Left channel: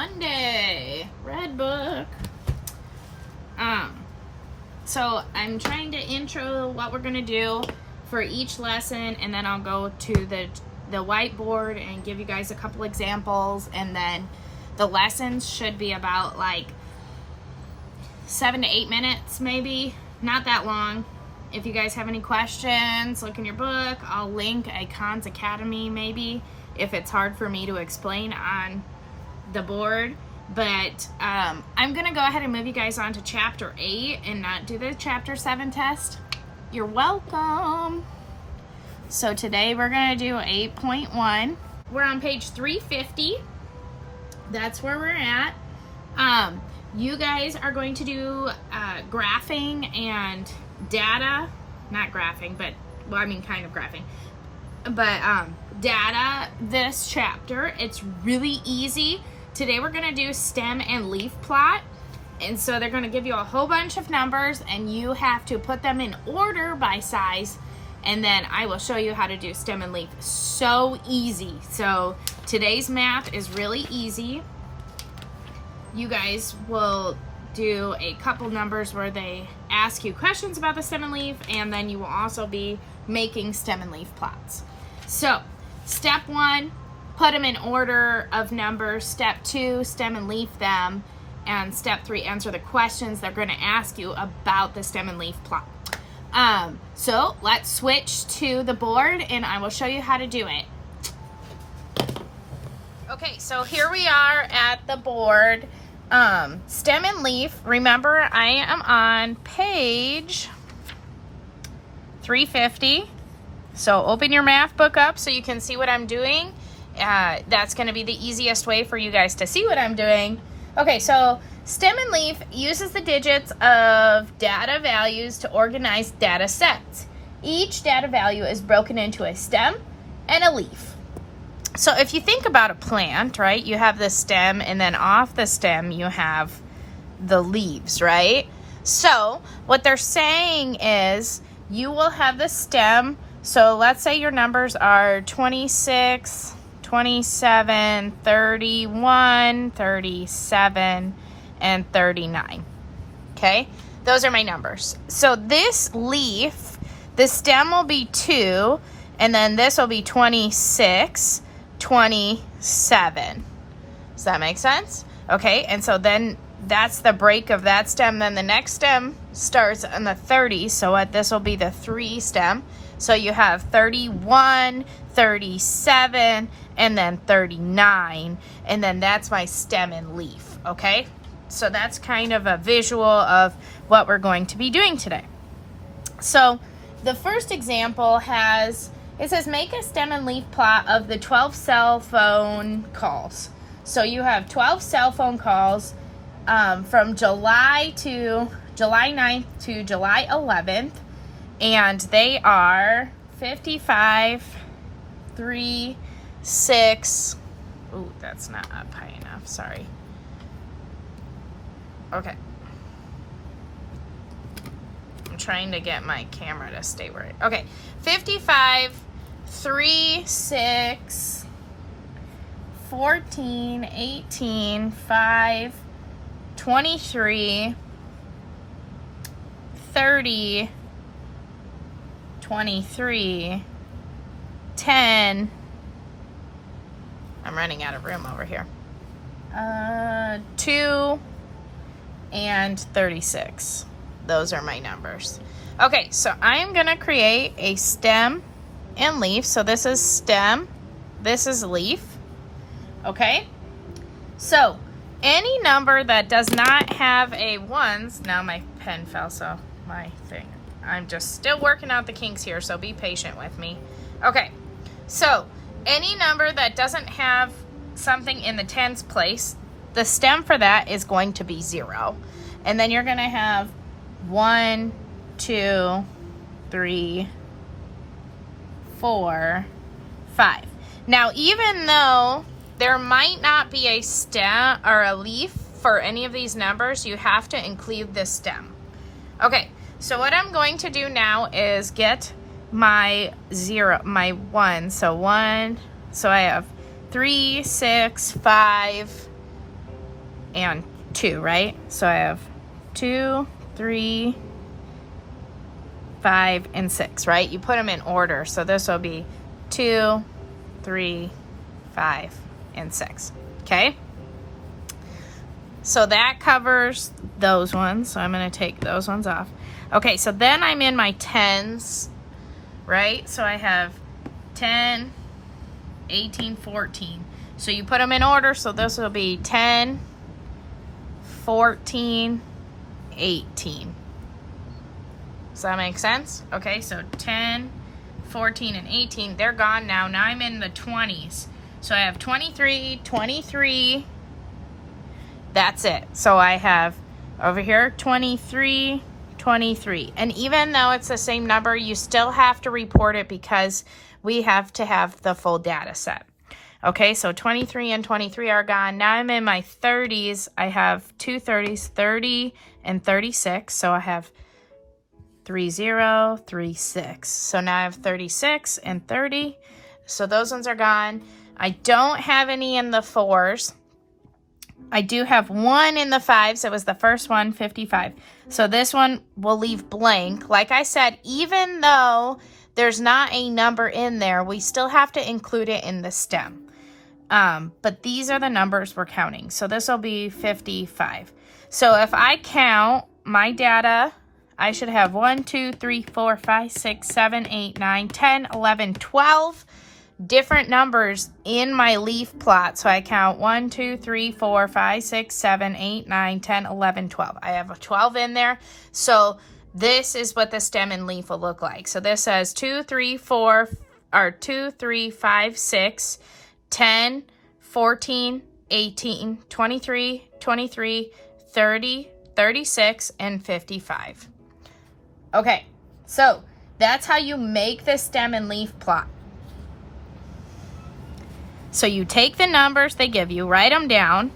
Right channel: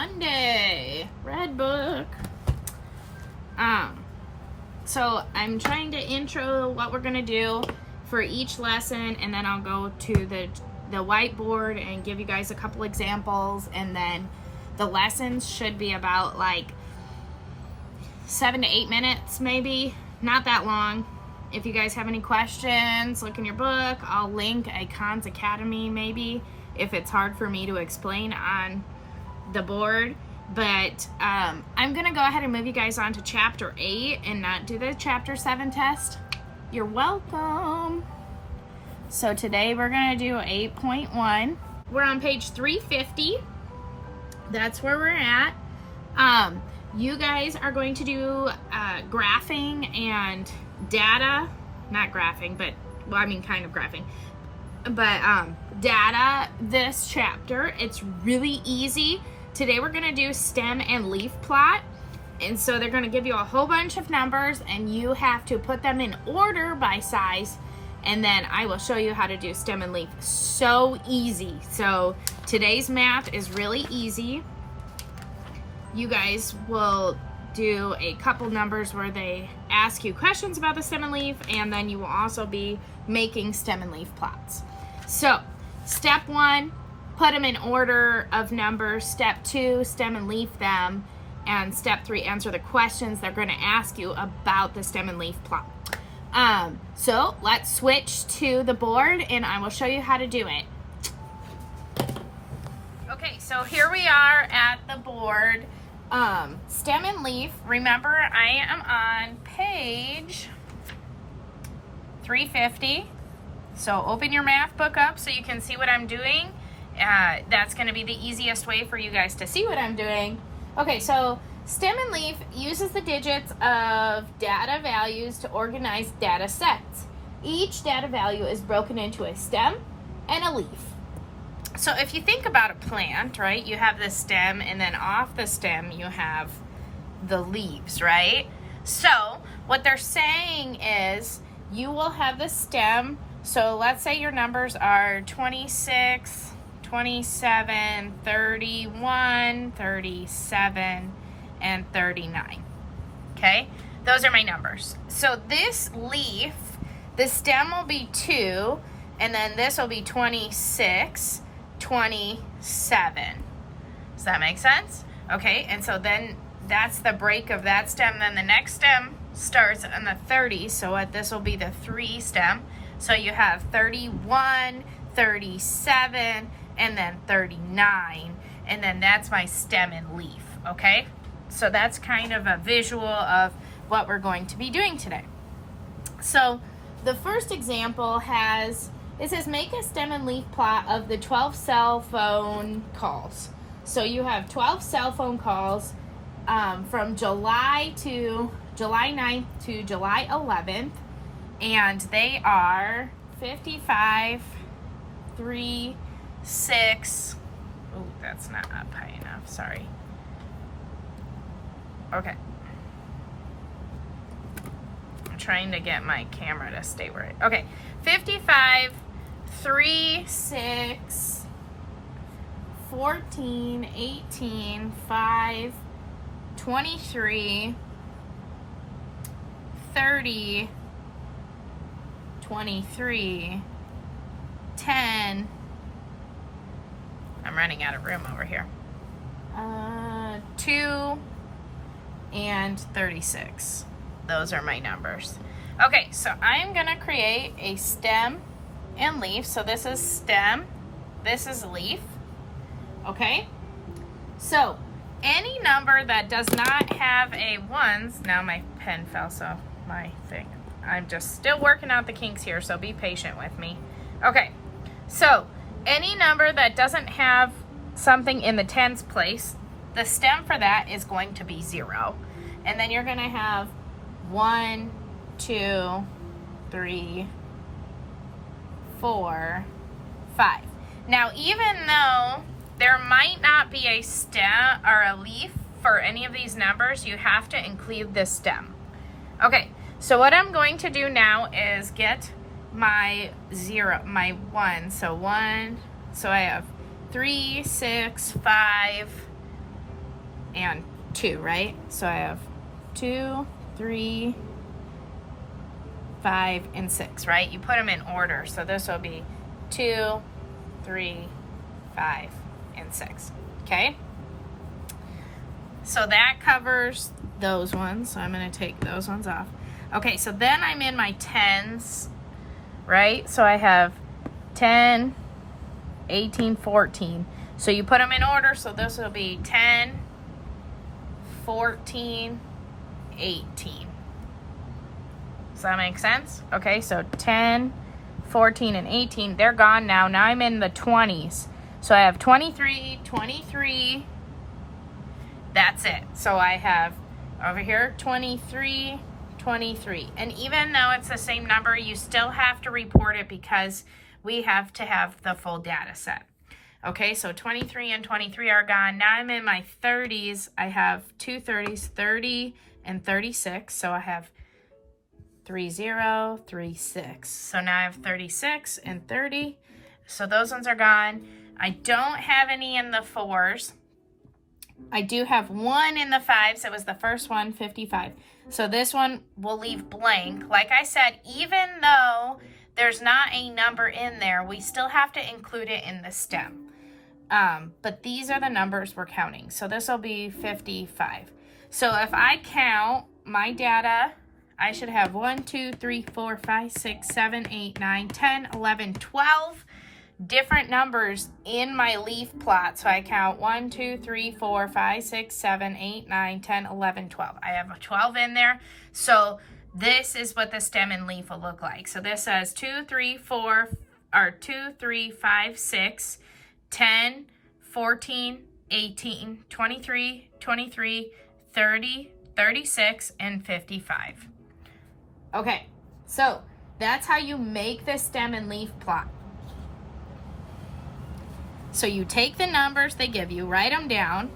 Monday. Red book. So I'm trying to intro what we're gonna do for each lesson, and then I'll go to the whiteboard and give you guys a couple examples, and then the lessons should be about like 7 to 8 minutes, maybe, not that long. If you guys have any questions, look in your book. I'll link a Khan's Academy maybe if it's hard for me to explain on the board. But I'm gonna go ahead and move you guys on to chapter 8 and not do the chapter 7 test. You're welcome. So today we're gonna do 8.1. We're on page 350. That's where we're at. You guys are going to do graphing and data, not graphing, but, well, I mean kind of graphing, but data this chapter. It's really easy. Today we're gonna do stem and leaf plot. And so they're gonna give you a whole bunch of numbers and you have to put them in order by size, and then I will show you how to do stem and leaf. So easy. So today's math is really easy. You guys will do a couple numbers where they ask you questions about the stem and leaf, and then you will also be making stem and leaf plots. So step 1, put them in order of numbers. Step 2, stem and leaf them. And step 3, answer the questions they're going to ask you about the stem and leaf plot. So let's switch to the board and I will show you how to do it. Okay, so here we are at the board. Stem and leaf. Remember, I am on page 350. So open your math book up so you can see what I'm doing. That's going to be the easiest way for you guys to see what I'm doing. Okay, so stem and leaf uses the digits of data values to organize data sets. Each data value is broken into a stem and a leaf. So if you think about a plant, right, you have the stem, and then off the stem you have the leaves, right? So what they're saying is you will have the stem. So let's say your numbers are 26, 27, 31, 37, and 39. Okay, those are my numbers. So this leaf, the stem will be 2, and then this will be 26, 27. Does that make sense? Okay, and so then that's the break of that stem. Then the next stem starts on the 30, so what, this will be the 3 stem. So you have 31, 37, and then 39, and then that's my stem and leaf, okay? So that's kind of a visual of what we're going to be doing today. So the first example it says make a stem and leaf plot of the 12 cell phone calls. So you have 12 cell phone calls from July 9th to July 11th, and they are 55, 3, 6. Ooh, that's not up high enough, sorry. Okay. I'm trying to get my camera to stay where okay. 55, 3, 6, 14, 18, 5, 23, 30, 23, 10. I'm running out of room over here. 2 and 36. Those are my numbers. Okay, so I'm gonna create a stem and leaf. So this is stem, this is leaf. Okay, so any number that does not have a ones, now my pen fell, so my thing, I'm just still working out the kinks here, so be patient with me. Okay, so any number that doesn't have something in the tens place, the stem for that is going to be 0. And then you're gonna have 1, 2, 3, 4, 5. Now, even though there might not be a stem or a leaf for any of these numbers, you have to include the stem. Okay, so what I'm going to do now is get my 1. So I have 3, 6, 5, and 2, right? So I have 2, 3, 5, and 6, right? You put them in order. So this will be 2, 3, 5, and 6, okay? So that covers those ones. So I'm gonna take those ones off. Okay, so then I'm in my tens, right? So I have 10, 18, 14. So you put them in order. So this will be 10, 14, 18. Does that make sense? Okay, so 10, 14, and 18, they're gone now. Now I'm in the 20s. So I have 23, 23. That's it. So I have over here 23, 23. And even though it's the same number, you still have to report it because we have to have the full data set. Okay, so 23 and 23 are gone. Now I'm in my 30s. I have two 30s, 30 and 36. So I have 30, 36. So now I have 36 and 30. So those ones are gone. I don't have any in the 4s. I do have one in the 5s. It was the first one, 55. So this one will leave blank. Like I said, even though there's not a number in there, we still have to include it in the stem. But these are the numbers we're counting. So this will be 55. So if I count my data, I should have 1, 2, 3, 4, 5, 6, 7, 8, 9, 10, 11, 12 different numbers in my leaf plot. So I count 1, 2, 3, 4, 5, 6, 7, 8, 9, 10, 11, 12. I have a 12 in there. So this is what the stem and leaf will look like. So this says 2, 3, 4, or 2, 3, 5, 6, 10, 14, 18, 23, 23, 30, 36, and 55. Okay, so that's how you make the stem and leaf plot. So you take the numbers they give you, write them down,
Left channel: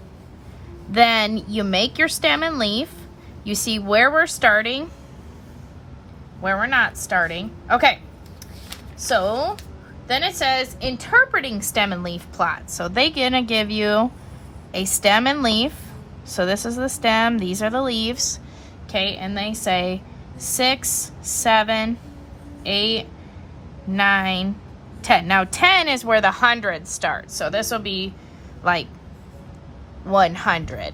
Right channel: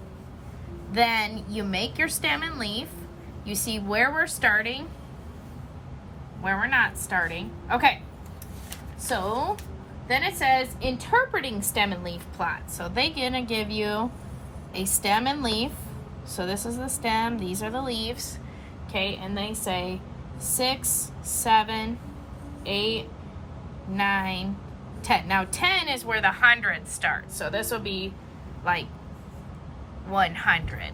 then you make your stem and leaf. You see where we're starting, where we're not starting. Okay, so then it says interpreting stem and leaf plots. So they're gonna give you a stem and leaf. So this is the stem, these are the leaves. Okay, and they say 6, 7, 8, 9, 10. Now 10 is where the hundreds start. So this will be like 100.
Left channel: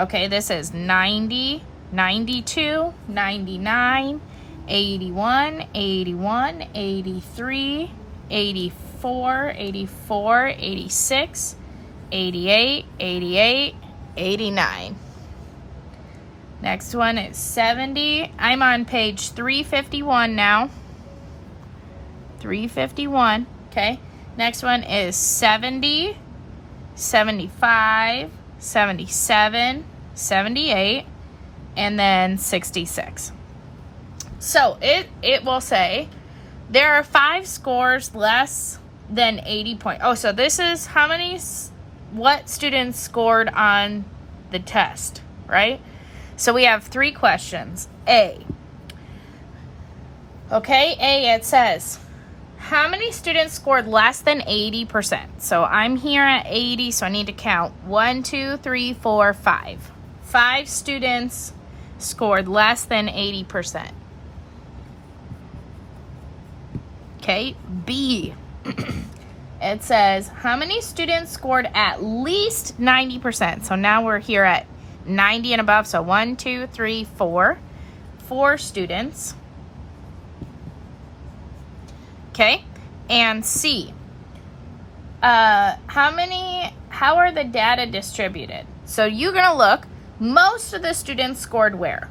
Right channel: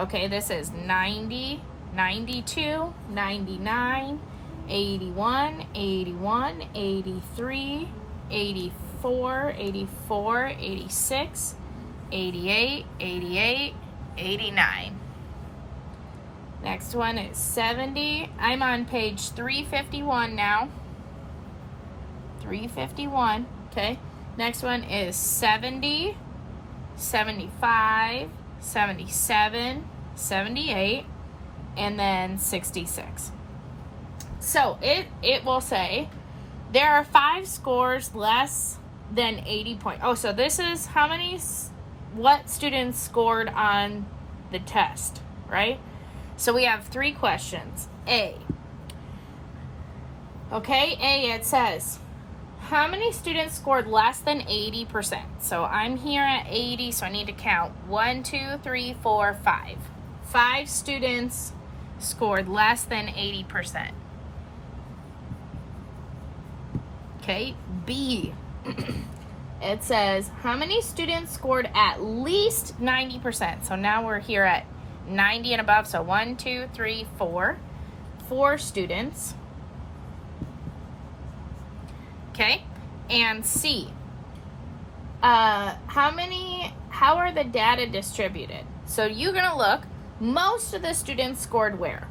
Okay, this is 90, 92, 99, 81, 81, 83, 84, 84, 86, 88, 88, 89. Next one is 70. I'm on page 351 now. 351, okay. Next one is 70, 75, 77, 78, and then 66. So it will say there are 5 scores less than 80 points. Oh, so this is how many, what students scored on the test, right? So we have 3 questions. A. Okay, A, it says, how many students scored less than 80%? So I'm here at 80, so I need to count 1, 2, 3, 4, 5. 5 students scored less than 80%. Okay, B. It says, how many students scored at least 90%? So now we're here at 90 and above. So 1, 2, 3, 4. 4 students. Okay, and C. How are the data distributed? So you're gonna look, most of the students scored where?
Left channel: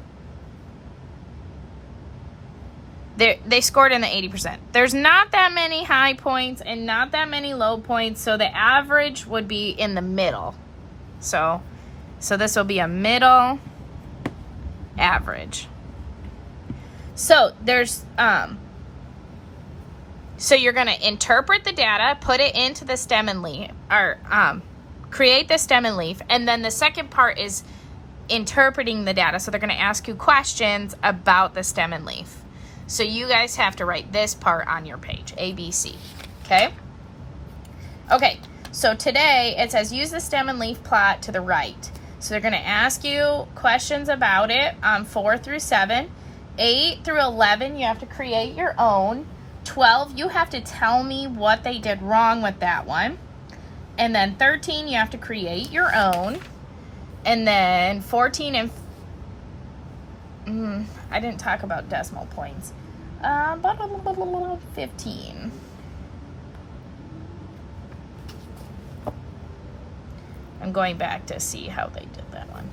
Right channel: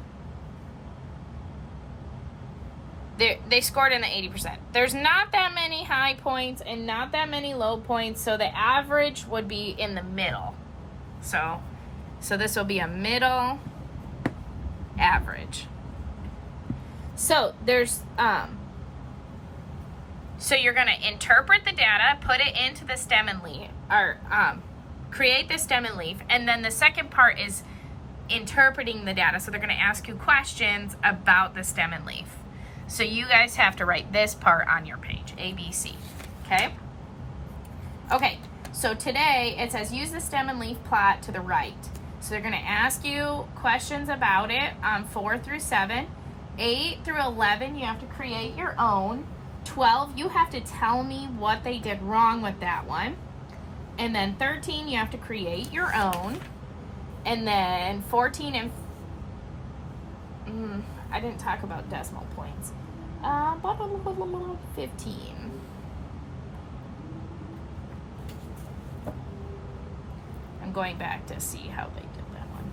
They scored in the 80%. There's not that many high points and not that many low points, so the average would be in the middle. So this will be a middle average. So there's so you're gonna interpret the data, put it into the stem and leaf, or create the stem and leaf, and then the second part is interpreting the data. So they're gonna ask you questions about the stem and leaf. So you guys have to write this part on your page, A, B, C, okay? Okay, So today it says use the stem and leaf plot to the right. So they're going to ask you questions about it, 4 through 7. 8 through 11, you have to create your own. 12, you have to tell me what they did wrong with that one. And then 13, you have to create your own. And then 14 and I didn't talk about decimal points. 15. I'm going back to see how they did that one.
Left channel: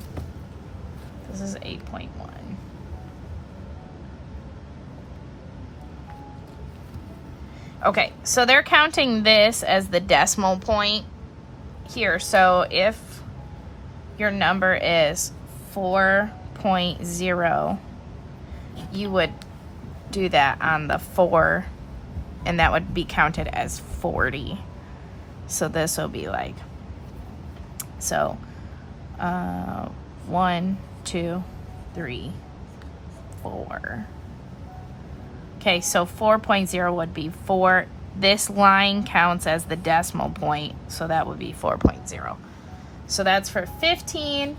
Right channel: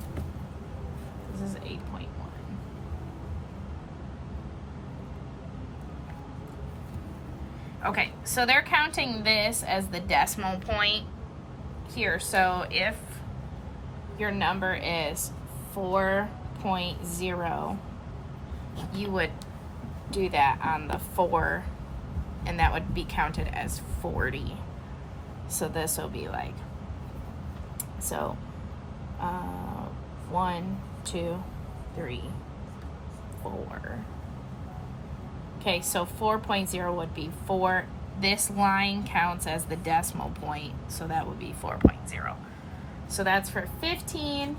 This is 8.1. Okay, so they're counting this as the decimal point here. So if your number is 4.0, you would do that on the 4, and that would be counted as 40. So this will be like, so 1, 2, 3, 4. Okay, so 4.0 would be 4. This line counts as the decimal point, so that would be 4.0. So that's for 15.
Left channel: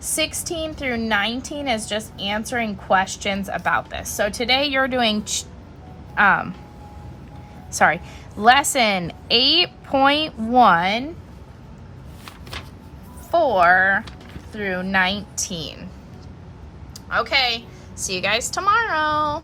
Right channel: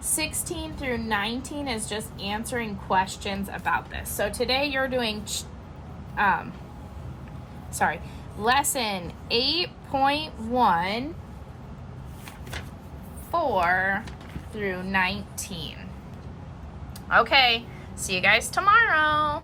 16 through 19 is just answering questions about this. So today you're doing, lesson 8.1, 4 through 19. Okay, see you guys tomorrow.